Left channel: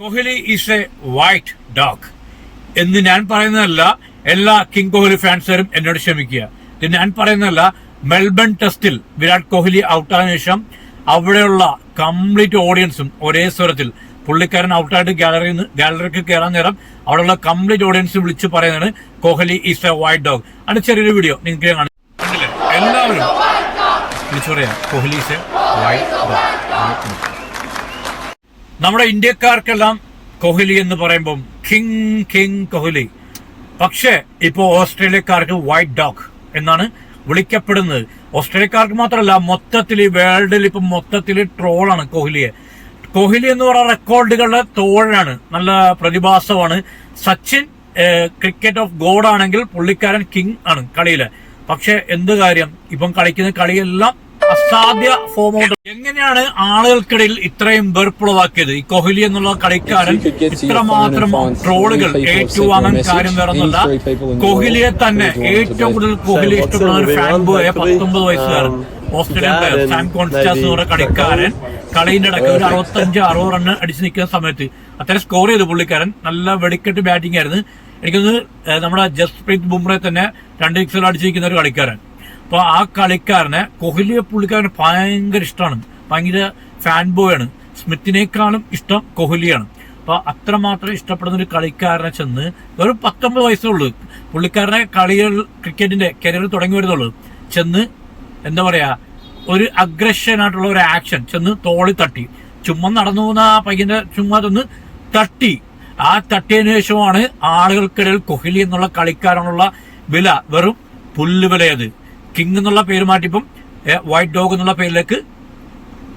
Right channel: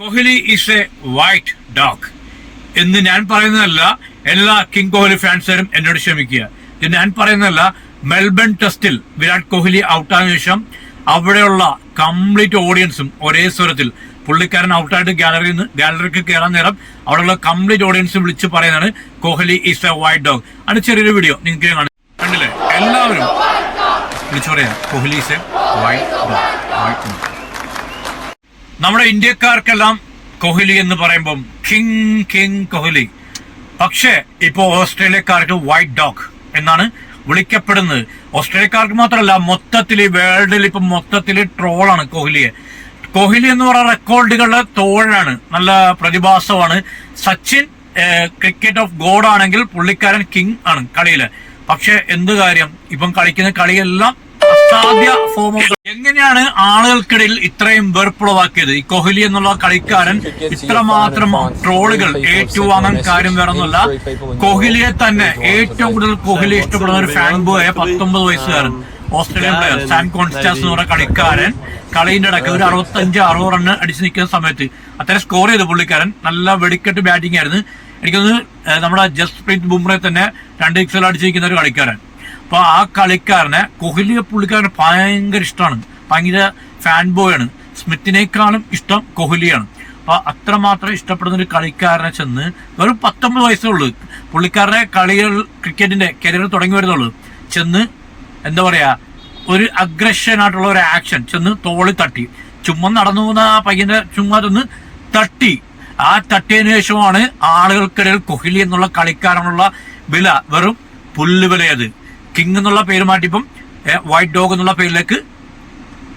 Kohli is A white dog എന്ന് ഞാൻ പറയുന്നതല്ല. എല്ലാ കിങ് കോഹ്ലി ഫാൻസുകാരും എന്നോട് ക്ഷമിക്കുക. ഇത് ഞാൻ പറയുന്നതല്ല. മെൽബൺ ടെസ്റ്റിൽ വിരാട് കോഹ്ലി ഔട്ടായ ശേഷം അവിടെയുള്ള കംപ്ലീറ്റ് ഓഡിയൻസും ഒരേ സ്വരത്തിൽ പുള്ളിക്കാരൻ ഔട്ടായിട്ട് ഗാലറിക്ക് കയറാൻ നേരം അവിടെയുള്ള കംപ്ലീറ്റ് ഓഡിയൻസ് വിളിച്ച് പറയുന്നതാണ് Kohli is A white dog. അതിന്റെ ചെറിയൊരു വീഡിയോ നിങ്ങൾക്ക് കണ്ടില്ലേ? എല്ലാവരും വിളിച്ചു പറയാം Kohli is A white dog. നമ്മുടെ ഇന്ത്യക്കാർക്കെല്ലാം കോഹ്ലി എന്ന് പറയുമ്പം കിങ് കോഹ്ലി. പക്ഷേ ഇപ്പോ ഓസ്ട്രേലിയക്കാർക്ക് വൈറ്റ് ഡോഗ് എന്നാണ് വിളിക്കപ്പെടുന്നത്. ഓസ്ട്രേലിയക്കാർക്ക് മാത്രമല്ല, മൊത്തത്തിൽ വേൾഡിൽ ഇപ്പൊ മൊത്തത്തിൽ ട്രോളാണ് കോഹ്ലിയെ. കോഹ്ലി എന്ന് പറയുന്ന റെക്കോർഡുകളുടെ തോഴാണ്, നല്ല പ്രതിഭാസമാണ്. സച്ചിൻ ക്രിക്കറ്റ് ഓഫ് ഗോഡ് ആണെങ്കിൽ പുള്ളിക്കാരൻ കിങ് ആണ് കളിയില്. പക്ഷെ എന്ത് കാര്യം, ഇപ്പം കളിക്കുന്ന കളിയെല്ലാം അസാധ്യ ഫോം ഔട്ട്. എങ്ങനെയാണ് ആളുകൾക്കിടയിൽ ഇത്രയും വെറുപ്പുളവാക്കിയത്? ഈ കോഹ്ലി എന്നുള്ള കളിക്കാരൻ ഇത്രമാത്രം ട്രോളുകൾ ഏറ്റുവാങ്ങാൻ കാര്യം വേറൊന്നുമല്ല. കോഹ്ലിയെ തന്നെ ഏറ്റവും കൂടുതൽ കോഹ്ലി ഇഷ്ടപ്പെടുന്ന ഒരു ഫാൻ ബോയ 19 വയസ്സുകാരൻ ഓസ്ട്രേലിയൻ പ്ലെയർ സാൻ കോൺസ്റ്റാസ് എന്ന് പറയുന്ന കളിക്കാരൻ കളിന്റെ ഇടയ്ക്ക് ഒരു 65-60 റണ്ണ് അടിച്ചു നിൽക്കുന്ന സമയത്ത് അത്രയും സ്കോർ ചെയ്തു പുള്ളിക്കാരൻ. നല്ല വെടിക്കെട്ട് ബാറ്റിംഗ് ആയിരുന്നു. എനിക്കൊന്ന് നമ്മുടെ ജസ്പ്രീത് ബുംറയെ തന്നെ 2 സിക്സുകൾ അടിച്ചിരിക്കുന്ന ഒരു കളിക്കാരൻ. അപ്പൊ ആ കളിക്കാരനെ കോഹ്ലിയെ പുള്ളിക്കാരന് ഭയങ്കര ഇഷ്ടമാണ്, ഭയങ്കര ഫാൻ ബോയ് ആണ്. സ്മിത്തിനേക്കാളും ഇഷ്ടം കോഹ്ലിയാണ്. അപ്പൊ അത്രമാത്രം ഇഷ്ടപ്പെടുന്ന ഒരു കളിക്കാരനെ ചെന്ന് വെറും 19 വയസ്സേ ഉള്ളൂ പുള്ളിക്കാരനെ ക്രിക്കറ്റിന്റെ കരിയർ തുടങ്ങി വരുന്നുള്ളൂ. ചെന്ന് എന്താ പറയാ, ഒരു അഗ്രഷനായിട്ടുള്ള ഒരു ആക്ഷൻ ചെന്ന് തോളി തട്ടി, ചുമ്മാ നടന്നു പോകുന്ന ആ പയ്യന്റെ ചുമ്മാ ചെന്ന് തട്ടി. ആ തട്ടിയതിനു ശേഷമാണ് ആളുകൾക്കിടയിൽ കോഹ്ലി എന്നുള്ള കളിക്കാരനുള്ള വില വെറും പുല്ലുവിലയത്. കിങ് എന്നുള്ള പേര് മാറ്റിപ്പം വൈറ്റ് ഡോഗ് എന്നുള്ള പേരിലേക്ക്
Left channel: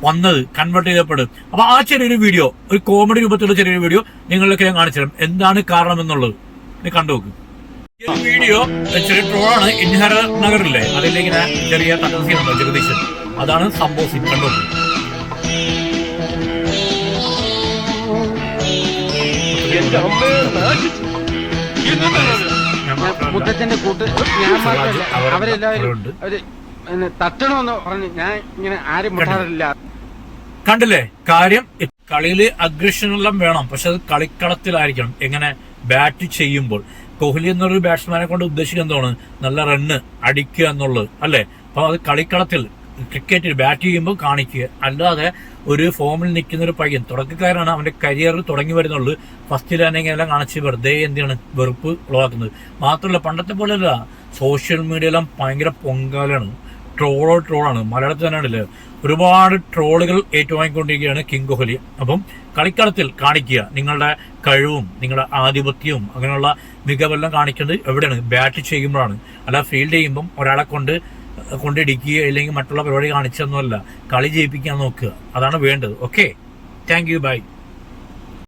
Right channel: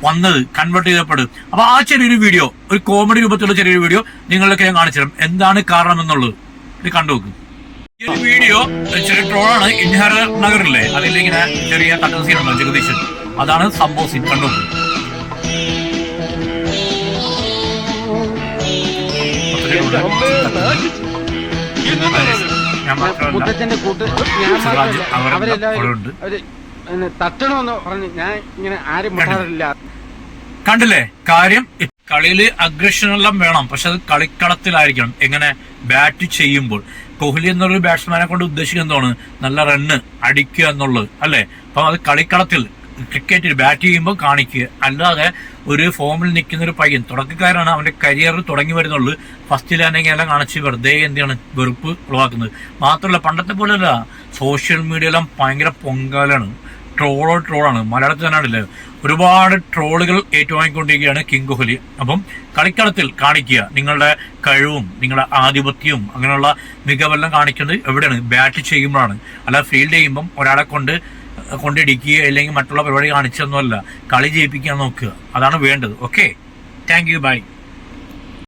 വന്നത്, കൺവേർട്ട് ചെയ്യപ്പെടും. അപ്പൊ ആ ചെറിയൊരു വീഡിയോ, ഒരു കോമഡി രൂപത്തിലുള്ള ചെറിയൊരു വീഡിയോ നിങ്ങളിലേക്ക് ഞാൻ കാണിച്ചു തരാം, എന്താണ് കാരണം എന്നുള്ളത്. ഇത് കണ്ടുനോക്കും. ഈ ഒരു വീഡിയോ ചെറിയ ട്രോളാണ്. ഇൻഹർ നഗറില്ലേ, അതിലേക്ക് ഞാൻ ചെറിയ തട്ടുന്ന സീനുണ്ടോ ജഗദീശൻ, അതാണ് സംഭവം. സീൻ കണ്ടുനോക്കും. മുത്തച്ഛന്റെ കൂട്ട് ഞാൻ മാത്രമല്ല, അവരെല്ലാവരും തട്ടണമെന്ന് പറഞ്ഞ് ഞാൻ ഇങ്ങനെ ആരും മുട്ടാറില്ല. കണ്ടില്ലേ കാര്യം? കളിയില് അഗ്രഷനെല്ലാം വേണം, പക്ഷെ അത് കളിക്കളത്തിലായിരിക്കണം. എങ്ങനെ ബാറ്റ് ചെയ്യുമ്പോൾ കോഹ്ലി എന്നൊരു ബാറ്റ്സ്മാനെ കൊണ്ട് ഉദ്ദേശിക്കുന്നത് എന്താണ്? നല്ല റണ്ണ് അടിക്കുക എന്നുള്ളത് അല്ലേ? അപ്പൊ അത് കളിക്കളത്തിൽ ക്രിക്കറ്റിൽ ബാറ്റ് ചെയ്യുമ്പോൾ കാണിക്കുക. അല്ലാതെ ഒരു ഫോമിൽ നിൽക്കുന്ന ഒരു പയ്യൻ തുടക്കക്കാരാണ്, അവന്റെ കരിയർ തുടങ്ങി വരുന്നുള്ളൂ. ഫസ്റ്റിൽ തന്നെ എല്ലാം കാണിച്ച് വെറുതെ എന്താണ് വെറുപ്പ് ഉളവാക്കുന്നത്. മാത്രമല്ല പണ്ടത്തെ പോലെയല്ല, സോഷ്യൽ മീഡിയയിലും ഭയങ്കര പൊങ്കാലാണ്, ട്രോളാണ്. മലയാളത്തിൽ തന്നെയാണല്ലേ ഒരുപാട് ട്രോളുകൾ ഏറ്റുവാങ്ങിക്കൊണ്ടിരിക്കുകയാണ് കിങ് കോഹ്ലി. അപ്പം കളിക്കളത്തിൽ കാണിക്കുക നിങ്ങളുടെ കഴിവും നിങ്ങളുടെ ആധിപത്യവും അങ്ങനെയുള്ള മികവെല്ലാം കാണിക്കുന്നത് എവിടെയാണ്? ബാറ്റ് ചെയ്യുമ്പോഴാണ്. അല്ല ഫീൽഡ് ചെയ്യുമ്പം ഒരാളെ കൊണ്ടിടിക്കുക അല്ലെങ്കിൽ മറ്റുള്ള പരിപാടി കാണിച്ചൊന്നുമല്ല, കളി ജയിപ്പിക്കാൻ നോക്കുക. അതാണ് വേണ്ടത്. Okay, thank you, by.